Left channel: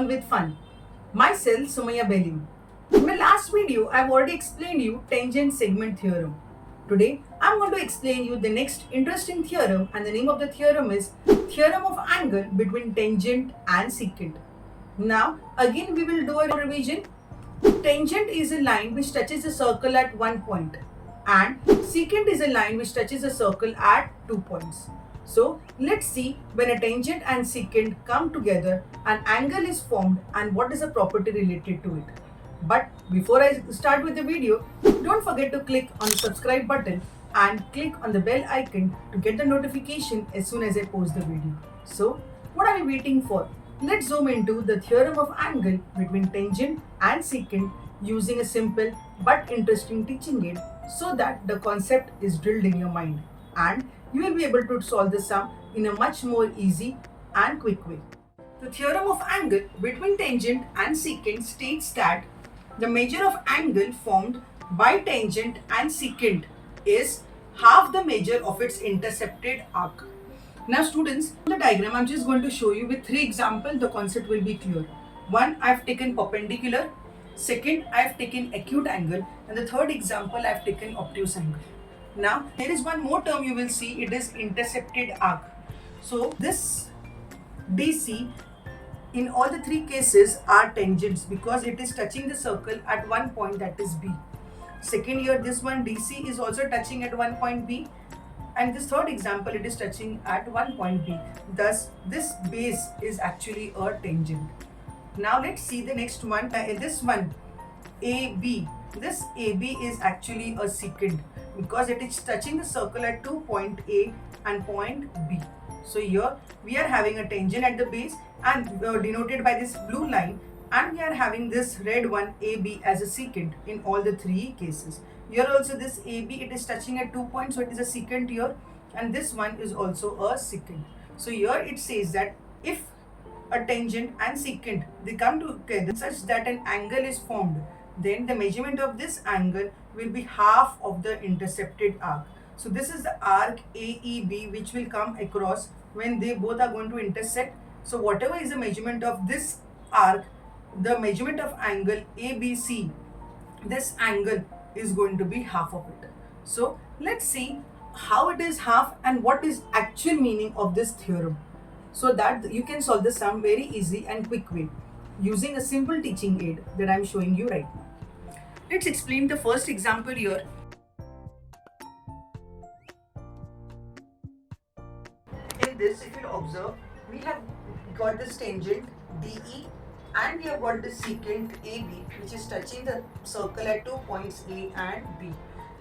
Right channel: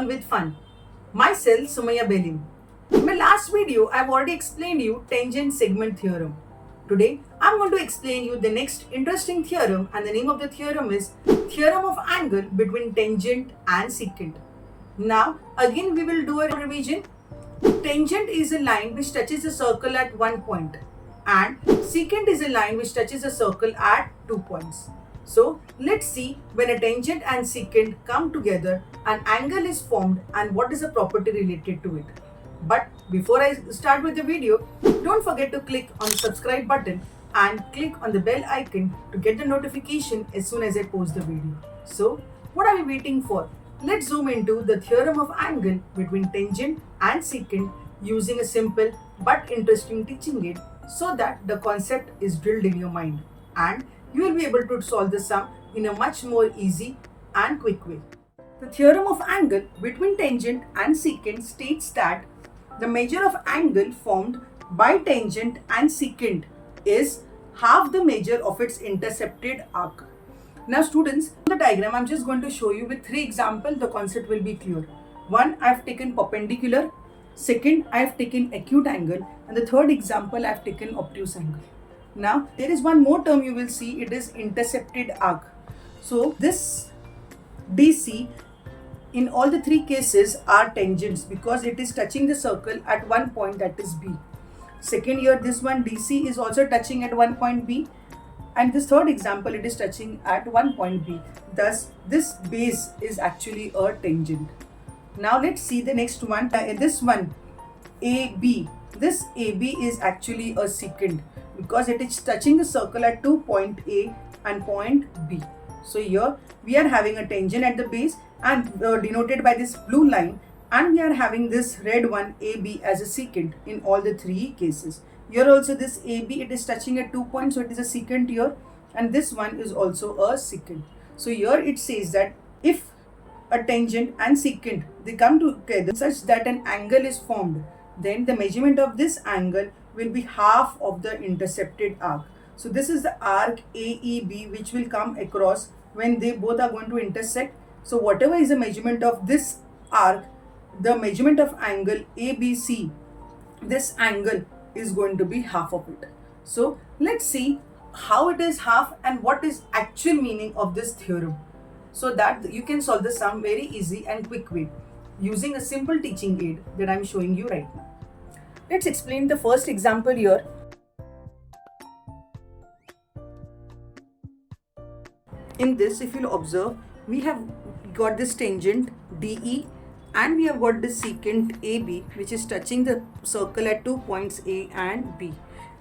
Learn with Fun. Myself, Sumaya Belim. In my last video, I've already explained you tangent segment theorem. Today, I'm going to explain you the next interesting theorem, and the name of the theorem is Theorem of Angle between Tangent and Secant. Now, again we will do a revision. Tangent is a line which touches a circle at one point, and secant is a line which touches a circle at 2 points. So let's see, when a tangent and secant come together, an angle is formed and what is the property related to it. But before I start with the video, don't forget to click on the subscribe button and click on the bell icon to get the notification as soon as I post the video. So what are we waiting for? Let's zoom into the theorem of angle between tangent and secant using a simple but interesting teaching aid so that the concept is drilled in your mind and you will be able to solve the sum in a much more easy and quick way. The theorem of angle between tangent and secant states that the measure of angle formed by tangent and secant is half the measure of its intercepted arc. Now students, in the diagram I'm just going to show you with 3 examples, the concept will be clear. One, I have taken perpendicular. Second, I have taken acute angle. And the third example, I have taken obtuse angle. Now, there is one more term you will see, it is intercepted arc. So this DC in all the 3 cases are tangents because it is touching the circle at one point, that is B. Second here, this one DC is also touching at one point B. And this third example, it is touching at one point B. Thus, this base is actually a tangent. Now let's see the next one. This one, AB. This AB is actually a secant because it is touching the circle at point A and point B. So here we are having a tangent at the base and denoted by this blue line, and we are having this red one AB as a secant in all the 3 cases. Here also this AB, it is touching at 2 points, so it is a secant here, and this one is also a secant. So here it says that if a tangent and secant, they come together such that an angle is formed, then the measurement of this angle will be half of the intercepted arc. So this is the arc AEB which will come across when they both are going to intersect. So whatever is the measurement of this arc, the measurement of angle ABC, this angle is going to be half of it. So let's see how it is half and what is actual meaning of this theorem, so that you can solve the sum very easy and quick way using a simple teaching aid that I am showing you right now. Let's explain the first example here. In this, if you'll observe, we have got this tangent DE and we have got this secant AB which is touching the circle at 2 points A and B.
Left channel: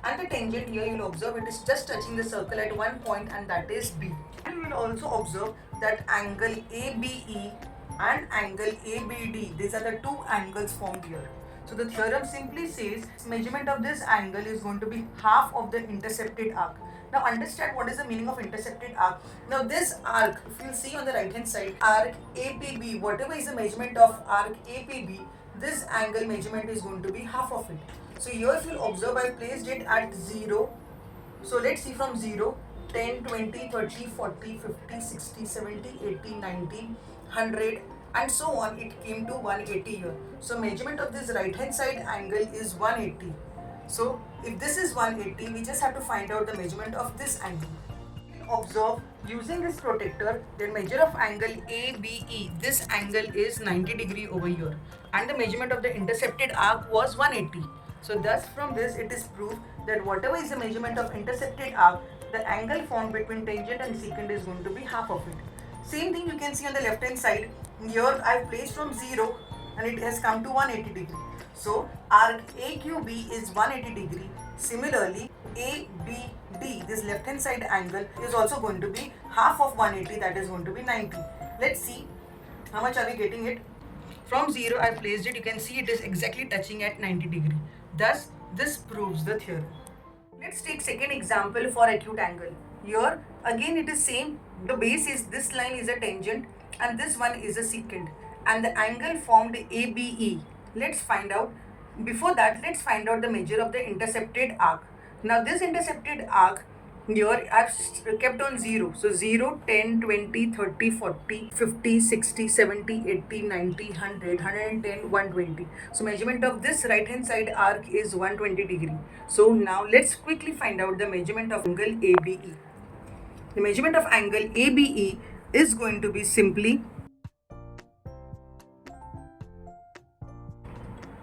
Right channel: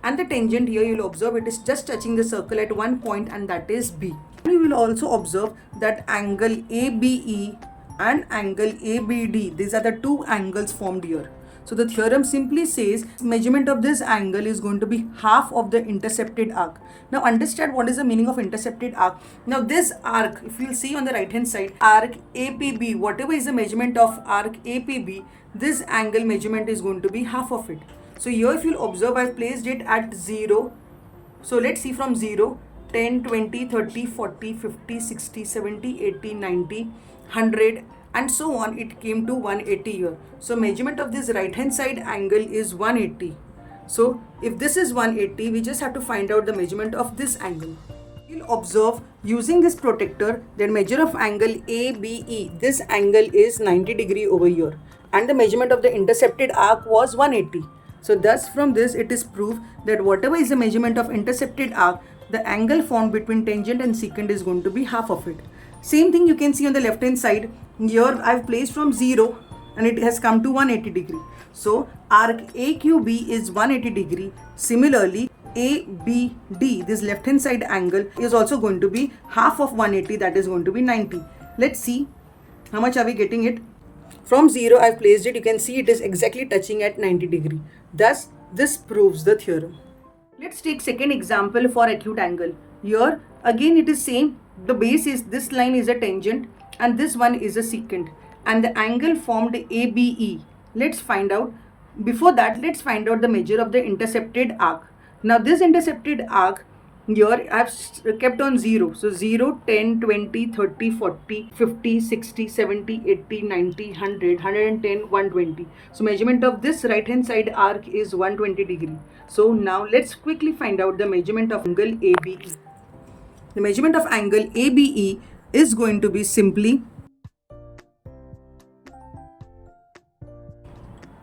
And the tangent here, you will observe, it is just touching the circle at one point, and that is B. You will also observe that angle ABE and angle ABD, these are the 2 angles formed here. So the theorem simply says measurement of this angle is going to be half of the intercepted arc. Now understand what is the meaning of intercepted arc. Now this arc, if you see on the right hand side, arc APB, whatever is the measurement of arc APB, this angle measurement is going to be half of it. So here if you observe, I have placed it at 0. So let's see from 0, 10, 20, 30, 40, 50, 60, 70, 80, 90, 100 and so on. It came to 180 here. So measurement of this right hand side angle is 180. So if this is 180, we just have to find out the measurement of this angle. We'll observe using this protector that measure of angle ABE, this angle is 90 degree over here, and the measurement of the intercepted arc was 180. So thus from this it is proved that whatever is the measurement of intercepted arc, the angle formed between tangent and secant is going to be half of it. Same thing you can see on the left hand side. Here I have placed from 0 and it has come to 180 degree. So arc AQB is 180 degree. Similarly, ABD, this left hand side angle, is also going to be half of 180, that is going to be 90. Let's see how much are we getting it. From 0 I have placed it, you can see it is exactly touching at 90 degree. Thus this proves the theorem. Let's take second example for acute angle. Here again it is same. The base is, this line is a tangent and this one is a secant, and the angle formed ABE. Let's find out. Before that, let's find out the measure of the intercepted arc. Now this intercepted arc Here I've kept on 0. So 0, 10, 20, 30, 40, 50, 60, 70, 80, 90, 100, 110, 120. So measurement of this right hand side arc is 120 degree. So now let's quickly find out the measurement of angle ABE. The measurement of angle ABE is going to be simply,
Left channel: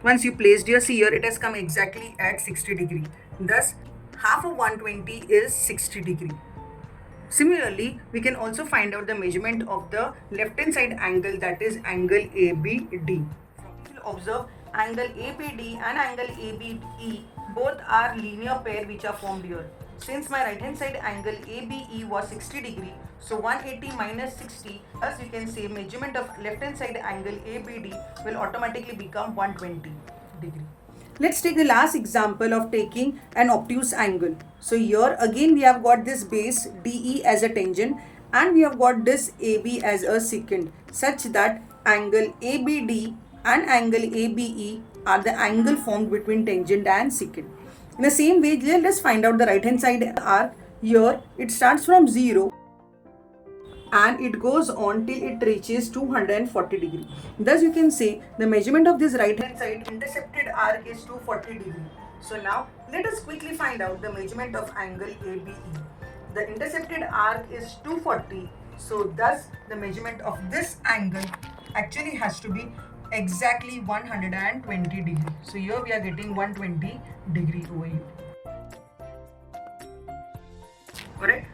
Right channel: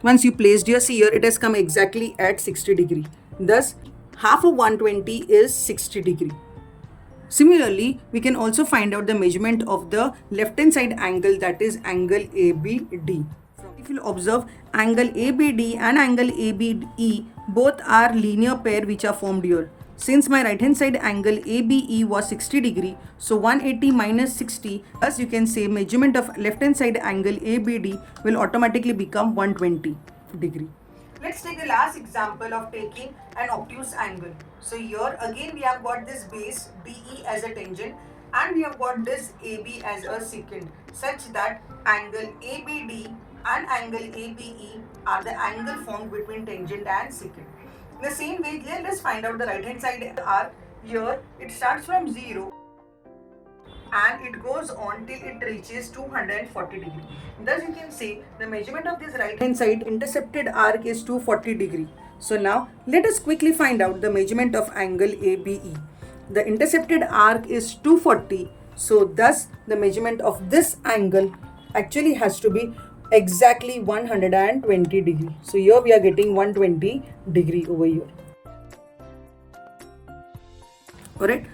once you placed your see here, it has come exactly at 60 degree. Thus half of 120 is 60 degree. Similarly, we can also find out the measurement of the left hand side angle, that is angle ABD. If you observe, angle ABD and angle ABE both are linear pair which are formed here. Since my right hand side angle ABE was 60 degree, so 180 minus 60, thus you can say measurement of left hand side angle ABD will automatically become 120 degree. Let's take the last example of taking an obtuse angle. So here again we have got this base DE as a tangent and we have got this AB as a secant, such that angle ABD and angle ABE are the angle formed between tangent and secant. In the same way, let us find out the right hand side arc. Here it starts from 0 and it goes on till it reaches 240 degree. Thus you can say the measurement of this right hand side intercepted arc is 240 degree. So now let us quickly find out the measurement of angle ABE. The intercepted arc is 240, so thus the measurement of this angle actually has to be exactly 120 degree. So here we are getting 120 degree over here. Correct?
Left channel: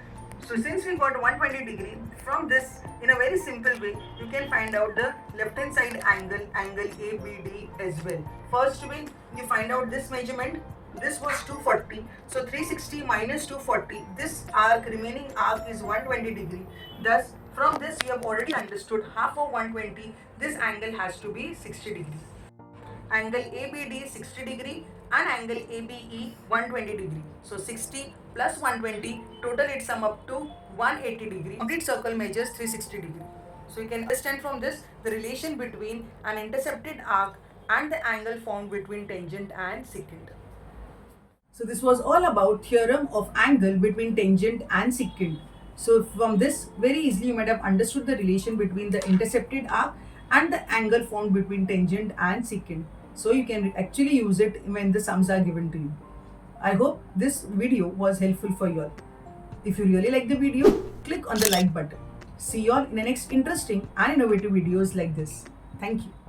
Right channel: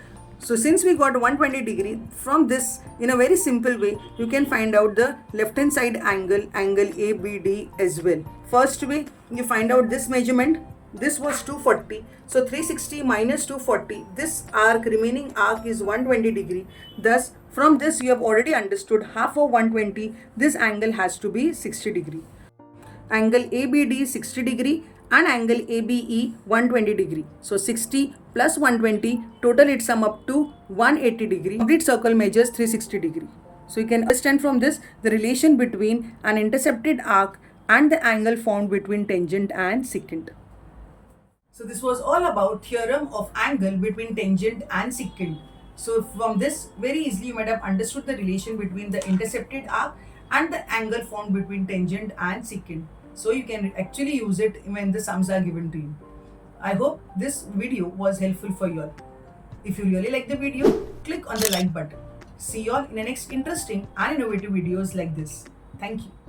So since we got 120 degree, from this in a very simple way you can find out the left hand side angle, angle ABD as well. First way, you find out this measurement. This was 240, so 360 minus 240, this arc, remaining arc is 120 degree. Thus from this you have already understood half of 120, this angle has to be 60 degree. Angle ABD 60 degree and angle ABE 120 degree. So 60 plus 120, total it sum up to 180 degree. Complete circle measures 360 degree. So you can understand from this the relation between an intercepted arc and the angle formed between tangent and secant. So this was all about theorem of angle between tangent and secant. So from this very easily you might have understood the relation between the intercepted arc and the angle formed between tangent and secant. So you can actually use it when the sums are given to you. I hope this video was helpful for you all. If you really like the video, click on the like button. See you all in the next interesting and innovative videos like this. Thank you.